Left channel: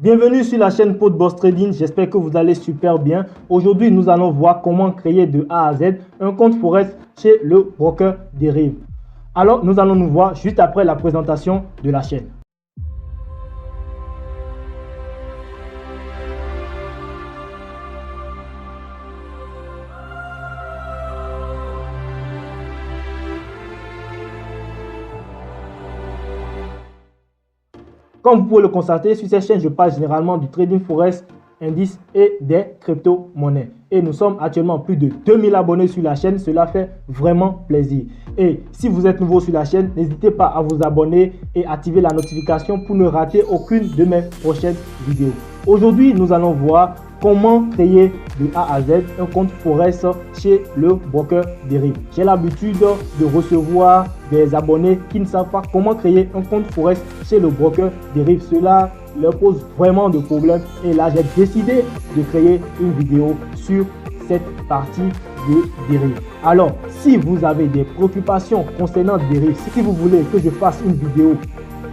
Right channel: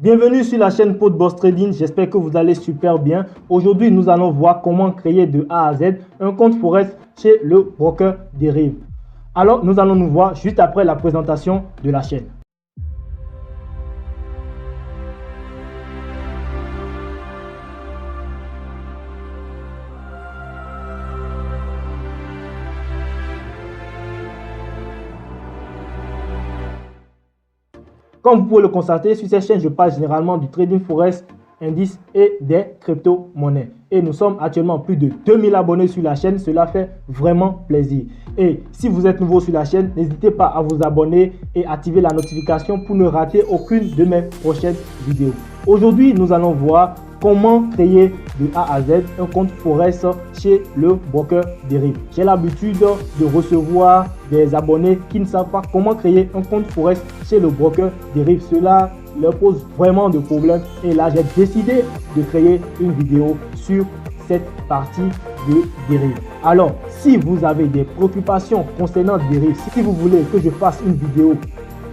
Bienvenue sur la chaîne Podboss Trading, j'espère que vous allez super bien. Aujourd'hui, nous allons voir comment créer de A à Z un compte Forex chez le broker Deriv. Alors, nous allons nous voir juste après la présentation de la chaîne. Comme vous pouvez le constater, sur cette chaîne, je parle généralement du trading forex, indices et des crypto-monnaies. Et nous sommes actuellement plus de 2000 abonnés sur la chaîne. Cela fait vraiment plaisir. Et si vous êtes nouveau sur la chaîne, n'hésitez pas à vous abonner et activer la notification pour ne rater aucune de mes prochaines vidéos. Aujourd'hui, nous allons voir comment créer de A à Z un compte Forex chez le broker Deriv. J'ai l'habitude de recevoir des abonnés qui ne savent pas comment créer un compte Forex chez le broker Deriv. Cela leur pose vraiment de problèmes et là j'ai décidé de créer une vidéo sur cette partie de Deriv. Alors, si vous avez des préoccupations concernant Deriv, si vous voulez que je fasse une vidéo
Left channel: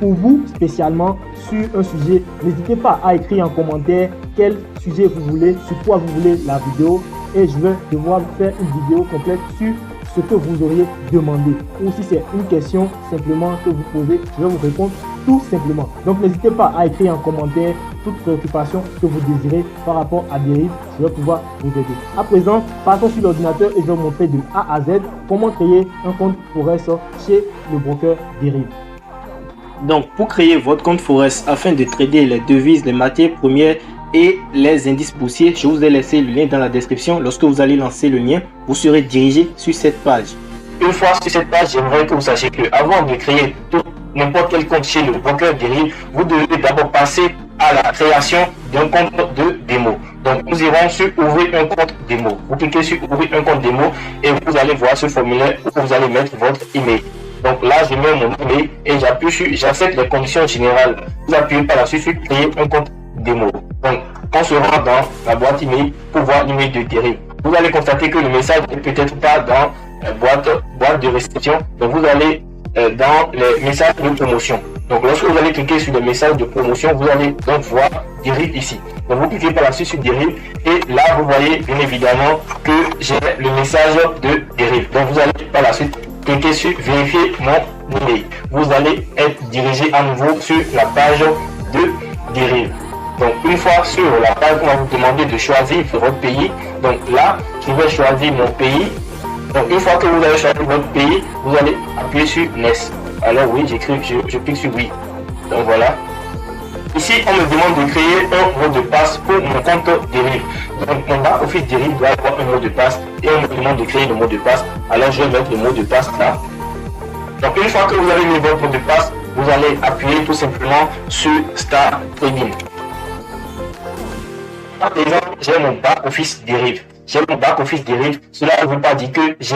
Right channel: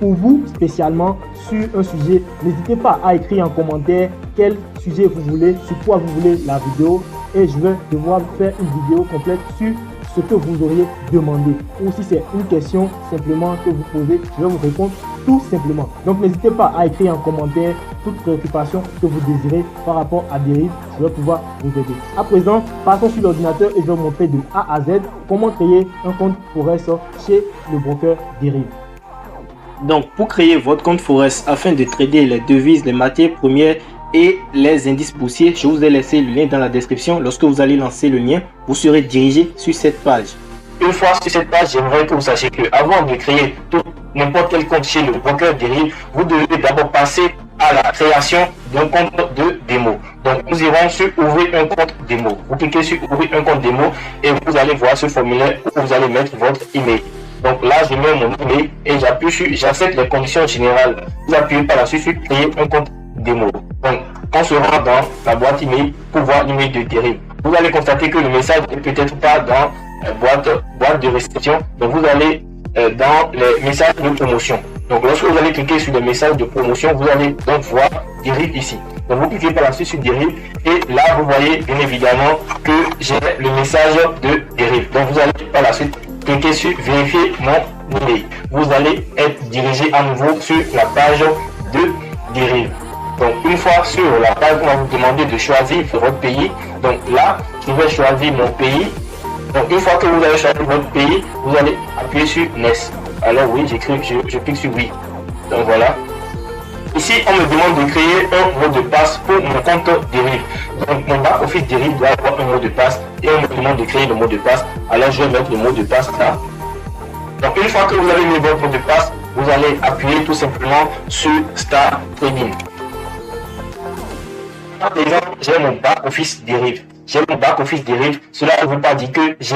pour vous spécialement sur un sujet, n'hésitez pas à écrire en commentaire quel sujet vous voulez, sur quoi vous voulez la vidéo et je vais devoir faire une vidéo complète sur ce que vous auriez demandé. Ou si c'est une question simplement que vous posez, je vais vous répondre tout simplement. Donc n'hésitez pas à écrire en commentaire toute préoccupation que vous désirez par rapport à Deriv, je vais pouvoir vous aider. À présent, passons sur l'ordinateur et je vais vous montrer de A à Z comment créer un compte Forex chez le broker Deriv. Donc, pour créer votre compte Forex afin de trader les devises, les matières premières et les indices boursiers, je vous ai laissé le lien dans la description. Lorsque vous allez lancer le lien, vous serez dirigé sur cette page. Une fois sur cette page, j'aimerais que vous sachiez que avant de créer n'importe quel compte chez le broker Deriv, vous devez d'abord passer à la création d'un compte de démo. Donc, vous irez sur ouvrir un compte démo. Vous cliquez sur ouvrir un compte démo et vous allez voir ce formulaire où vous allez mettre votre email. Donc là, je mets mon email et j'appuie sur j'accepte les conditions générales. Vous appuyez par la suite sur créer un compte démo. Donc, quand je rentre dans la boîte email pour voir l'email de Deriv, vous allez constater que le message n'est peut-être pas dans la boîte de restriction. Donc, vous allez dans les messages de promotion. Donc, lorsque vous allez cliquer sur les messages de promotion, vous allez donc voir Deriv ici. Donc, vous cliquez par la suite sur Deriv et là, vous voyez bien évidemment que j'ai le message de Deriv. Donc, vous allez par la suite cliquez sur vérifier mon email. Vous allez être dirigé à nouveau sur la page de Deriv. Donc, une fois sur la page, on va vous demander de choisir votre pays. Donc là, je vais choisir mon pays. Donc, une fois que vous avez choisi votre pays, vous allez appuyer sur Next. Alors oui, je clique sur oui. Donc voilà. Ici, on me demande de créer un mot de passe pour mon compte Deriv. On va office Deriv doit avoir un mot de passe et on me demande de créer le mot de passe. Alors je vais mettre le mot de passe là. Donc une fois que vous avez mis votre mot de passe, vous allez appuyer tout simplement sur Start Trading. Déjà, j'ai mon back office Deriv. J'ai mon back office Deriv. Cela ne veut pas dire que j'ai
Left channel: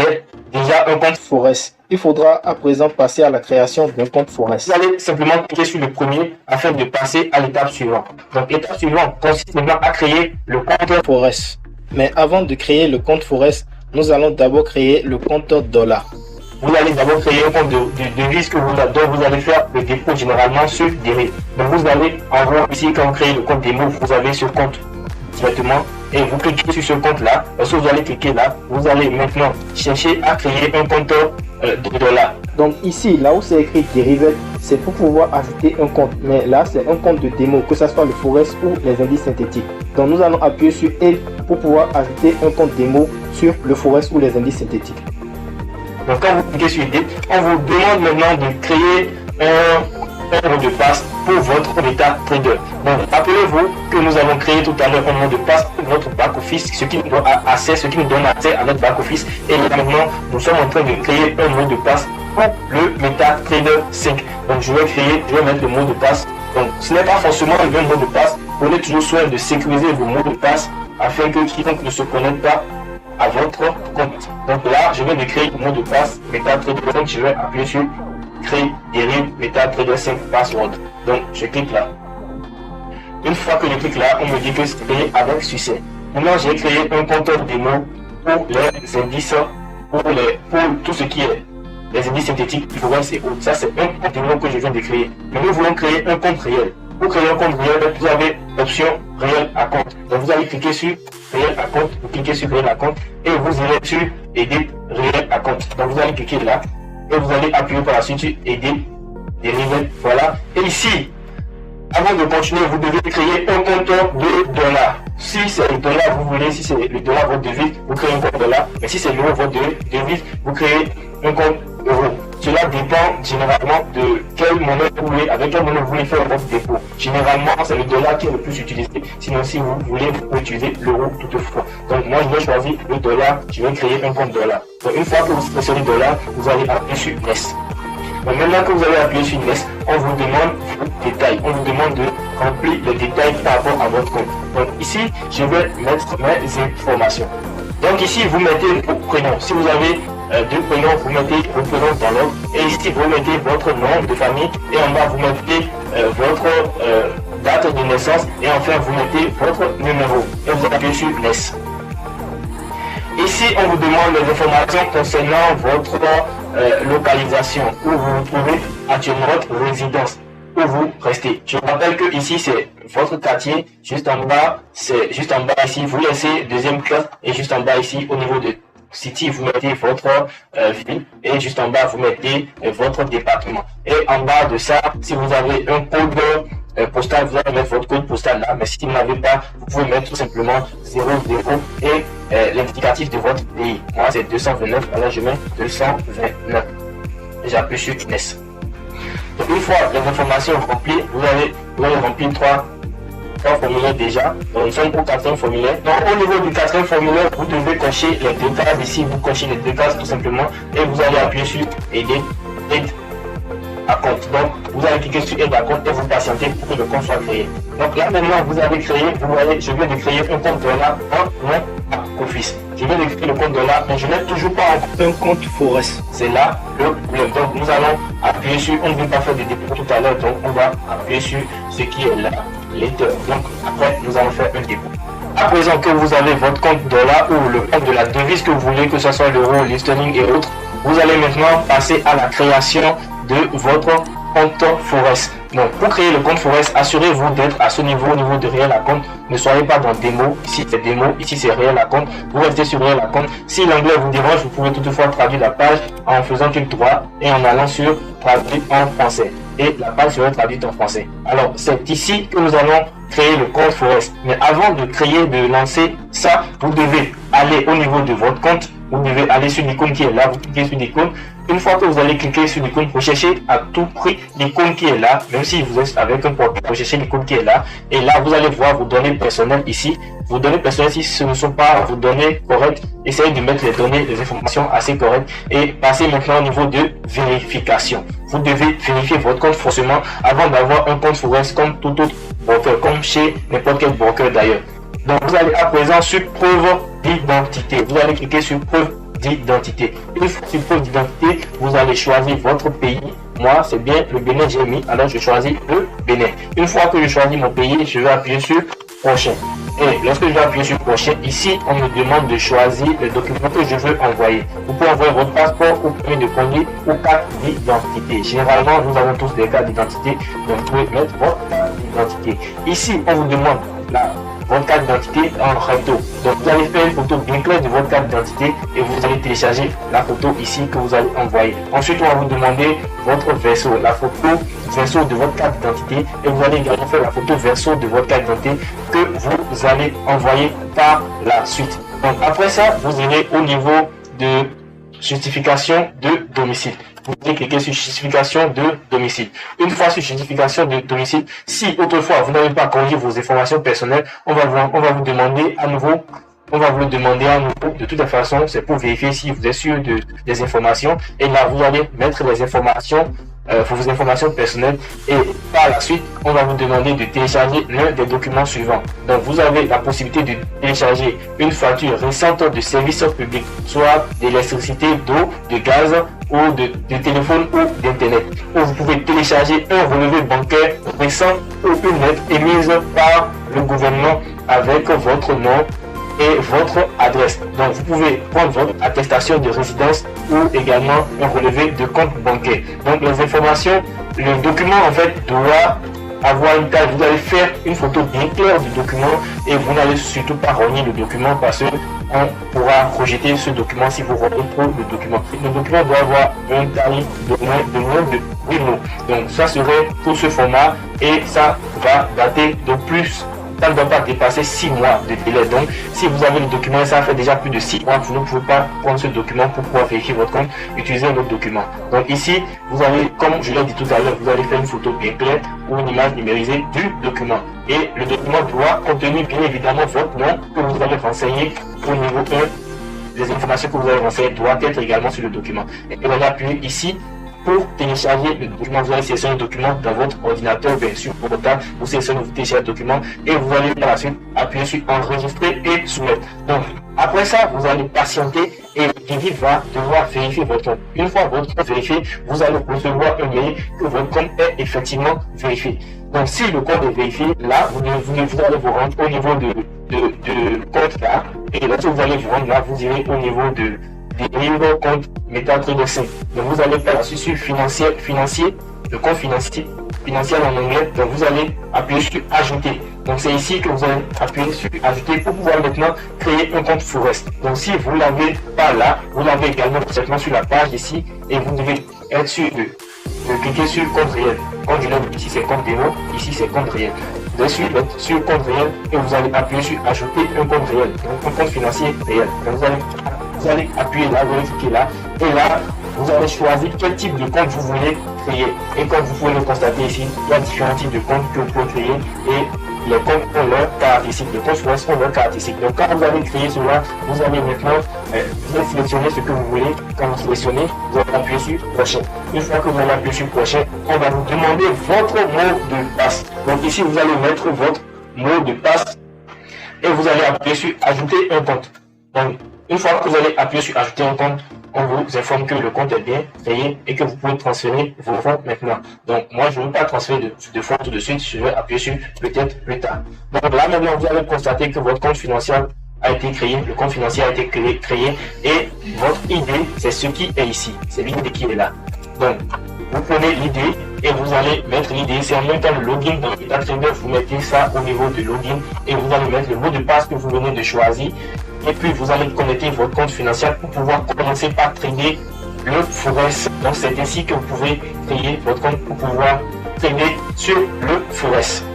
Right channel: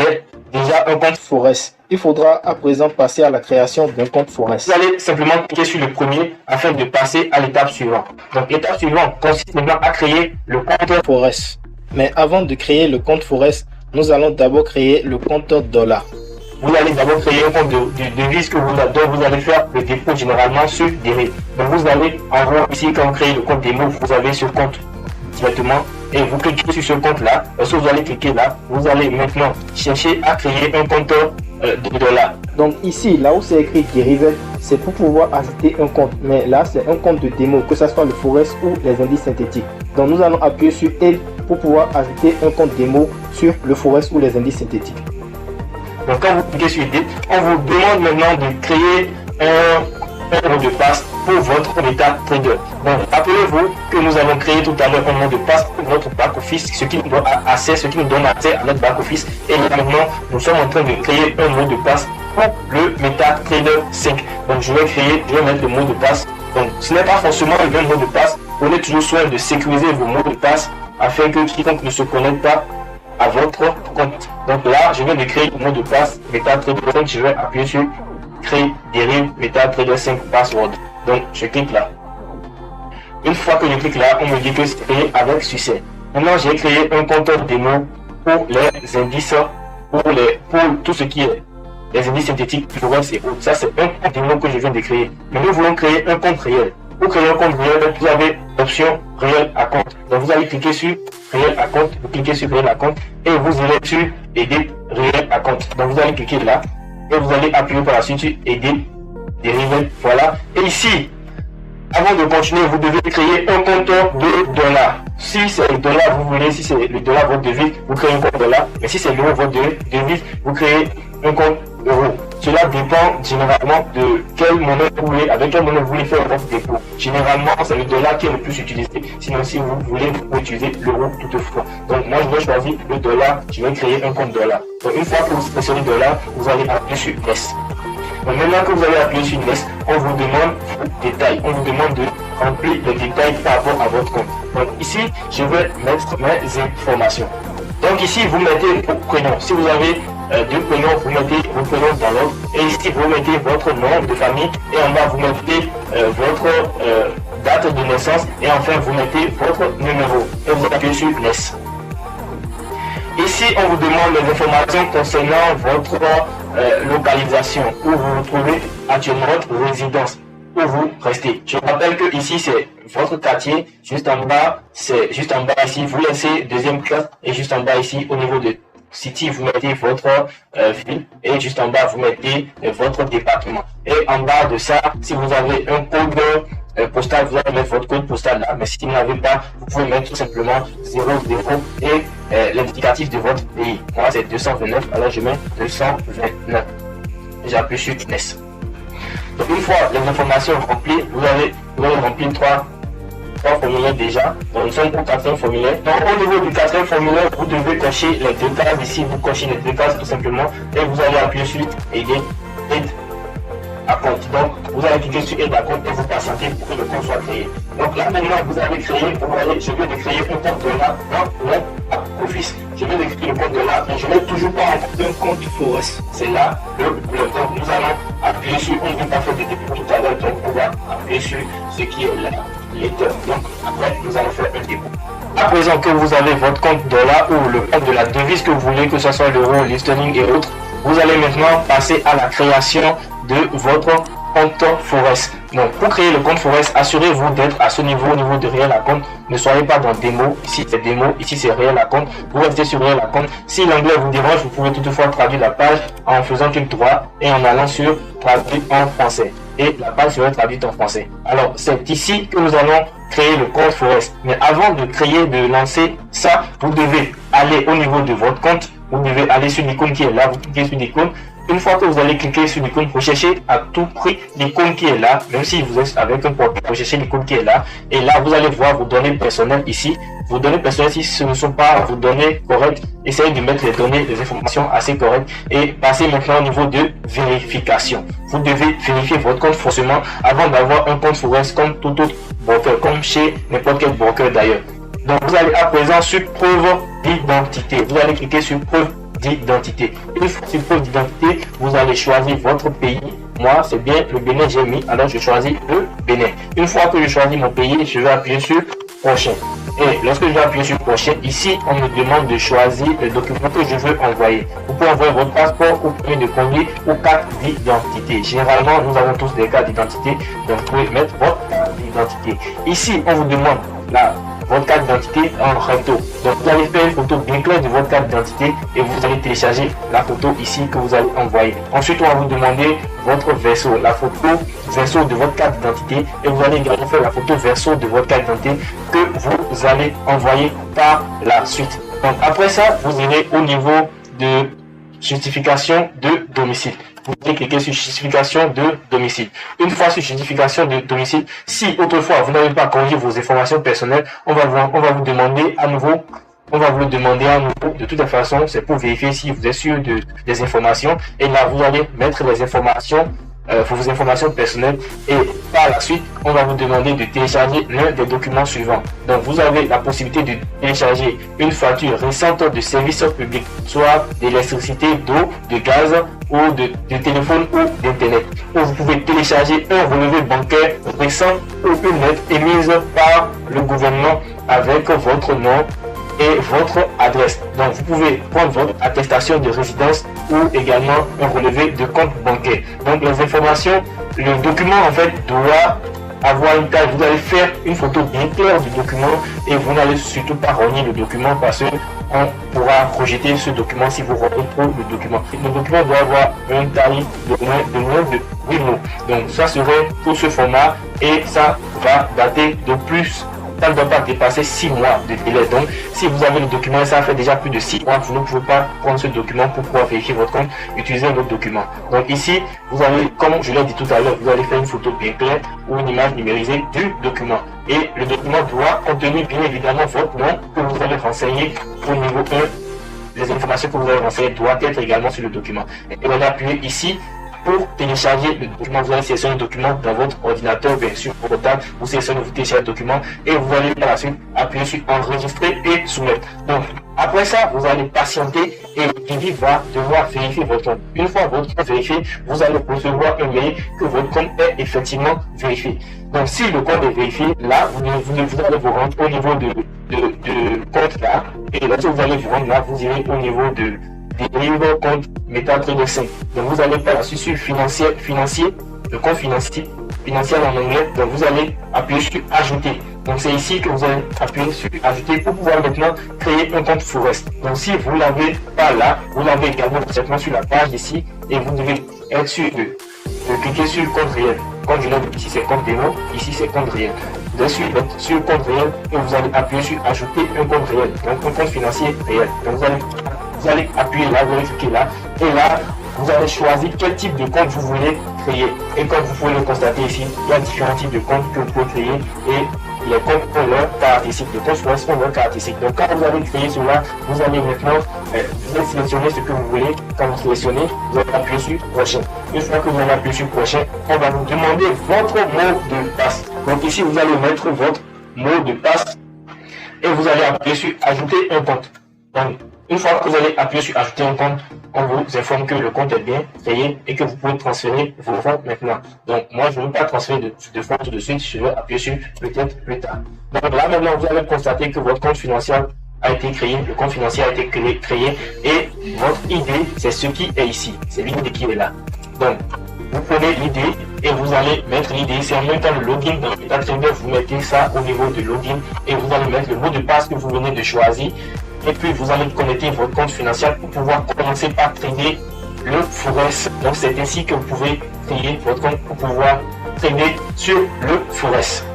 déjà un compte Forex. Il faudra à présent passer à la création d'un compte Forex. Vous allez simplement cliquer sur le premier afin de passer à l'étape suivante. Donc l'étape suivante consiste maintenant à créer le compte Forex. Mais avant de créer le compte Forex, nous allons d'abord créer le compte dollar. Vous allez d'abord créer le compte de devise que vous allez faire le dépôt généralement sur Deriv. Donc vous allez en voir ici quand vous créez le compte démo, vous avez ce compte directement et vous cliquez sur ce compte là. Lorsque vous allez cliquer là, vous allez maintenant chercher à créer un compte dollar. Donc ici, là où c'est écrit Deriv, c'est pour pouvoir ajouter un compte. Mais là, c'est un compte de démo, que ce soit le Forex ou les indices synthétiques. Donc nous allons appuyer sur L pour pouvoir ajouter un compte démo sur le Forex ou les indices synthétiques. Donc quand vous cliquez sur L, on vous demande maintenant de créer un mot de passe pour votre étape trader. Donc rappelez-vous que nous avons créé tout à l'heure un mot de passe pour notre back office, ce qui nous donne accès à notre back office. Et maintenant, nous sommes en train de créer un mot de passe pour le MetaTrader 5. Donc je vais mettre le mot de passe. Donc ce n'est pas forcément un mot de passe. Prenez toujours soin de sécuriser vos mots de passe afin que quiconque ne se connecte pas à votre compte. Donc là, je vais créer le mot de passe MetaTrader 5. Je vais appuyer sur créer Deriv MetaTrader 5 password. Donc je clique là. Une fois que je clique là, on me dit que c'est avec succès. Maintenant, j'ai créé un compte démo pour les indices, pour tout ce qui est les indices synthétiques, Forex et autres. Ça, c'est un compte démo que je viens de créer. Mais nous voulons créer un compte réel. Pour créer un compte réel, vous avez l'option réel à compte. Donc vous allez cliquer sur réel à compte, vous cliquez sur réel à compte et vous irez sur aider réel à compte. Donc vous allez cliquer là et vous allez appuyer par la suite sur aider des réels. Voilà. Et ici, avant de continuer, vous devez créer un compte de dollars. Si c'est le dollar, vous voulez, si c'est le dollar votre devise, vous créez un compte dollar. Mais si c'est l'euro votre devise, vous créez un compte euro. Cela dépend généralement de quelle monnaie vous voulez, avec quelle monnaie vous voulez faire votre dépôt. Généralement, c'est le dollar qui est le plus utilisé. Sinon, si vous voulez, vous pouvez utiliser l'euro toutefois. Donc, moi, je vais choisir le dollar. Je vais créer un compte dollar. Donc, une fois que vous sélectionnez le dollar, vous allez appuyer sur Yes. Mais maintenant que vous allez appuyer sur Yes, on vous demande vos détails. On vous demande de remplir les détails par rapport à votre compte. Donc, ici, je vais mettre mes informations. Donc ici, vous mettez vos prénoms. Si vous avez deux prénoms, vous mettez le prénom dans l'ordre. Et ici, vous mettez votre nom de famille. Et en bas, vous mettez votre date de naissance. Et enfin, vous mettez votre numéro. Et vous appuyez sur Yes. Ici, on vous demande les informations concernant votre localisation, où vous vous trouvez actuellement, votre résidence, où vous restez. Je rappelle que ici, c'est votre quartier. Juste en bas, c'est juste en bas ici, vous laissez deuxième classe. Et juste en bas ici, au niveau de City, vous mettez votre ville. Et juste en bas, vous mettez votre département. Et en bas de ça, si vous avez un code postal, vous allez mettre votre code postal là. Mais si vous n'avez pas, vous pouvez mettre tout simplement 00 et l'indicatif de votre pays. Moi, c'est 229. Alors, je mets 229. Et j'appuie sur Yes. Donc, une fois les informations remplies, vous allez remplir trois formulaires déjà. Donc, nous sommes pour 4 formulaires. Donc, au niveau du 4 formulaire, vous devez cocher les deux cases. Ici, vous cochez les deux cases tout simplement. Et vous allez appuyer sur aider à compte. Donc, vous allez cliquer sur aide à compte et vous patientez pour que le compte soit créé. Donc là, maintenant, vous avez créé, vous voyez, je viens de créer un compte de là dans mon office. Je viens de créer le compte de là, mais je n'ai toujours pas un compte Forex. C'est là le problème. Donc, nous allons appuyer sur, on ne veut pas faire de dépôt tout à l'heure, donc on va appuyer sur ce qui est là. Donc, après, nous allons faire un dépôt. À présent que vous avez votre compte dollar ou le compte de la devise que vous voulez, que ce soit l'euro, le sterling et autres, vous allez maintenant passer à la création de votre compte Forex. Donc, pour créer le compte Forex, assurez-vous d'être à ce niveau, au niveau de réel à compte. Ne soyez pas dans démo. Ici, c'est démo. Ici, c'est réel à compte. Vous restez sur réel à compte. Si l'anglais vous dérange, vous pouvez toutefois traduire la page en faisant clic droit et en allant sur traduire en français. Et la page serait traduite en français. Alors, c'est ici que nous allons créer le compte Forex. Mais avant de créer, de lancer ça, vous devez aller au niveau de votre compte. Vous devez aller sur l'icône qui est là. Vous cliquez sur l'icône. Une fois que vous allez cliquer sur l'icône, recherchez à tout prix l'icône qui est là, même si vous êtes avec un portable, recherchez l'icône qui est là. Et là, vous allez voir vos données personnelles ici. Vos données personnelles, si ce ne sont pas vos données correctes, essayez de mettre les données, les informations assez correctes et passez maintenant au niveau de vérification. Vous devez vérifier votre compte fonctionnement avant d'avoir un compte sur Western, tout autre bancaire, chez n'importe quel bancaire d'ailleurs. Donc, vous allez à présent sur preuve d'identité. Vous allez cliquer sur preuve d'identité. Une fois sur preuve d'identité, vous allez choisir votre pays. Moi, c'est bien le Bénin, j'ai mis, alors je choisis le Bénin. Une fois que j'ai choisi mon pays, je vais appuyer sur prochain. Et lorsque je vais appuyer sur prochain, ici, on me demande de choisir le document que je veux envoyer. Vous pouvez envoyer votre passeport, ou permis de conduire, ou carte d'identité. Généralement, nous avons tous des cartes d'identité, donc vous pouvez mettre votre identité. Ici, on vous demande votre carte d'identité en photo. Donc vous allez faire une photo bien claire de votre carte d'identité et vous allez télécharger la photo ici que vous allez envoyer. Ensuite, on va vous demander votre verso, la photo verso de votre carte d'identité et vous allez également faire la photo verso de votre carte d'identité que vous allez envoyer par la suite. Donc après ça, vous irez au niveau de justification de domicile. Vous allez cliquer sur justification de domicile. Une fois sur justification de domicile, si autrefois vous n'avez pas corrigé vos informations personnelles, on va vous demander à nouveau. De toute façon, c'est pour vérifier si vous êtes sûr des informations. Et là, vous allez mettre les informations, vos informations personnelles. Et par la suite, on va vous demander de télécharger l'un des documents suivants. Donc, vous avez la possibilité de télécharger une facture récente de services publics, soit d'électricité, d'eau, de gaz, ou de téléphone ou d'internet. Vous pouvez télécharger un relevé bancaire récent ou une lettre émise par le gouvernement avec votre nom et votre adresse. Donc vous pouvez prendre votre attestation de résidence pour également relever de compte bancaire. Donc les informations, le document en fait doit avoir une taille. Vous allez faire une photo bien claire du document et vous n'allez surtout pas relier le document parce qu'on pourra projeter ce document si vous retenez le document. Le document doit avoir un tarif de moins de 1 €. Donc ça serait pour ce format et ça va dater de plus. Ça ne doit pas dépasser 6 mois de délai. Donc, si vous avez le document, ça fait déjà plus de 6 mois que vous ne pouvez pas prendre ce document pour pouvoir vérifier votre compte, utiliser votre document. Donc ici, vous allez, comme je l'ai dit tout à l'heure, vous allez faire une photo bien claire ou une image numérisée du document. Et le document doit contenir bien évidemment votre nom que vous avez renseigné au niveau 1. Les informations que vous avez renseignées doivent être également sur le document. Et vous allez appuyer ici pour télécharger le document. Vous allez sélectionner le document dans votre ordinateur, bien sûr, pour portable. Vous sélectionnez, vous téléchargez le document et vous allez par la suite appuyer sur enregistrer et soumettre. Donc, après ça, vous allez patienter et le Kivy va devoir vérifier votre compte. Une fois votre compte vérifié, vous allez recevoir un mail que votre compte est effectivement vérifié. Donc, si le compte est vérifié, là, vous allez vous rendre au niveau de compte là. Et là, si vous allez vous rendre là, vous irez au niveau de livre compte MetaTrader 5. Donc vous allez faire sur financier, le compte financier en anglais. Donc vous allez appuyer sur ajouter. Donc c'est ici que vous allez appuyer sur ajouter pour pouvoir maintenant créer un compte Forest. Donc si vous l'avez pas là, vous l'avez également directement sur la page ici et vous devez être sur cliquer sur compte réel. Compte réel, ici c'est compte démo, ici c'est compte réel. Sur compte réel et vous allez appuyer sur ajouter un compte réel. Donc un compte financier réel. Donc vous allez appuyer là, vérifier là, et là, vous allez choisir quel type de compte vous voulez créer. Et comme vous pouvez le constater ici, il y a différents types de comptes que vous pouvez créer et les comptes ont leurs caractéristiques. Les comptes Forest ont leurs caractéristiques. Donc quand vous allez créer cela, vous allez maintenant sélectionner ce que vous voulez. Quand vous sélectionnez, vous allez appuyer sur prochain. Une fois que vous allez appuyer sur prochain, on va vous demander votre mot de passe. Donc ici, vous allez mettre votre mot de passe et vous allez appuyer sur ajouter un compte. Donc, une fois que vous allez appuyer sur ajouter un compte, on vous informe que le compte est bien créé et que vous pouvez transférer vos fonds maintenant. Donc, moi, je ne vais pas transférer de fonds tout de suite, je vais appuyer sur peut-être plus tard. Donc là, maintenant, vous allez constater que votre compte financier a été créé, le compte financier a été créé et votre ID, c'est ce qui est ici. C'est l'ID qui est là. Donc, vous prenez l'ID et vous allez mettre l'ID. C'est en même temps le login. Donc, vous mettez ça au niveau du login et vous allez mettre le mot de passe que vous venez de choisir. Et puis, vous allez connecter votre compte financier pour pouvoir commencer par créer le Forest. Donc, c'est ainsi que vous pouvez créer votre compte pour pouvoir trader sur le Forest.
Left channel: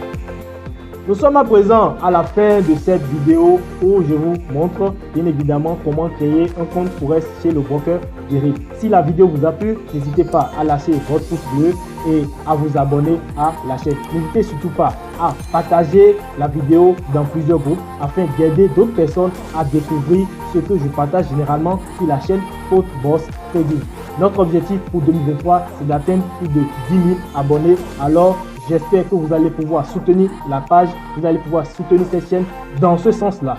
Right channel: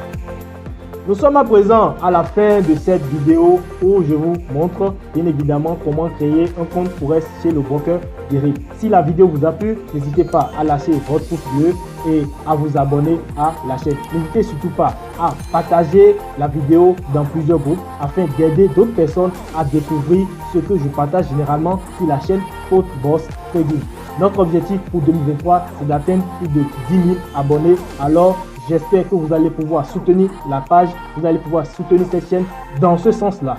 Nous sommes à présent à la fin de cette vidéo où je vous montre bien évidemment comment créer un compte Forest chez le broker Derib. Si la vidéo vous a plu, n'hésitez pas à lâcher votre pouce bleu et à vous abonner à la chaîne. N'hésitez surtout pas à partager la vidéo dans plusieurs groupes afin d'aider d'autres personnes à découvrir ce que je partage généralement sur la chaîne Haute Boss Trading. Notre objectif pour 2023, c'est d'atteindre plus de 10 000 abonnés. Alors, j'espère que vous allez pouvoir soutenir la page, vous allez pouvoir soutenir cette chaîne dans ce sens-là.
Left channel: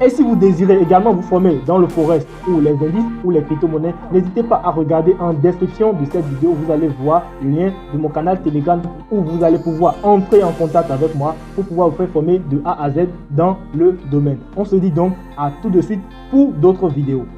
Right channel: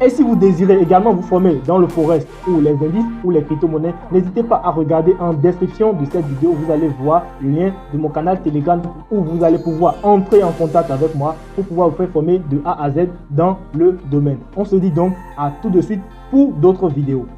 Et si vous désirez également vous former dans le Forest ou les indices ou les crypto-monnaies, n'hésitez pas à regarder en description de cette vidéo. Vous allez voir le lien de mon canal Telegram où vous allez pouvoir entrer en contact avec moi pour pouvoir vous faire former de A à Z dans le domaine. On se dit donc à tout de suite pour d'autres vidéos.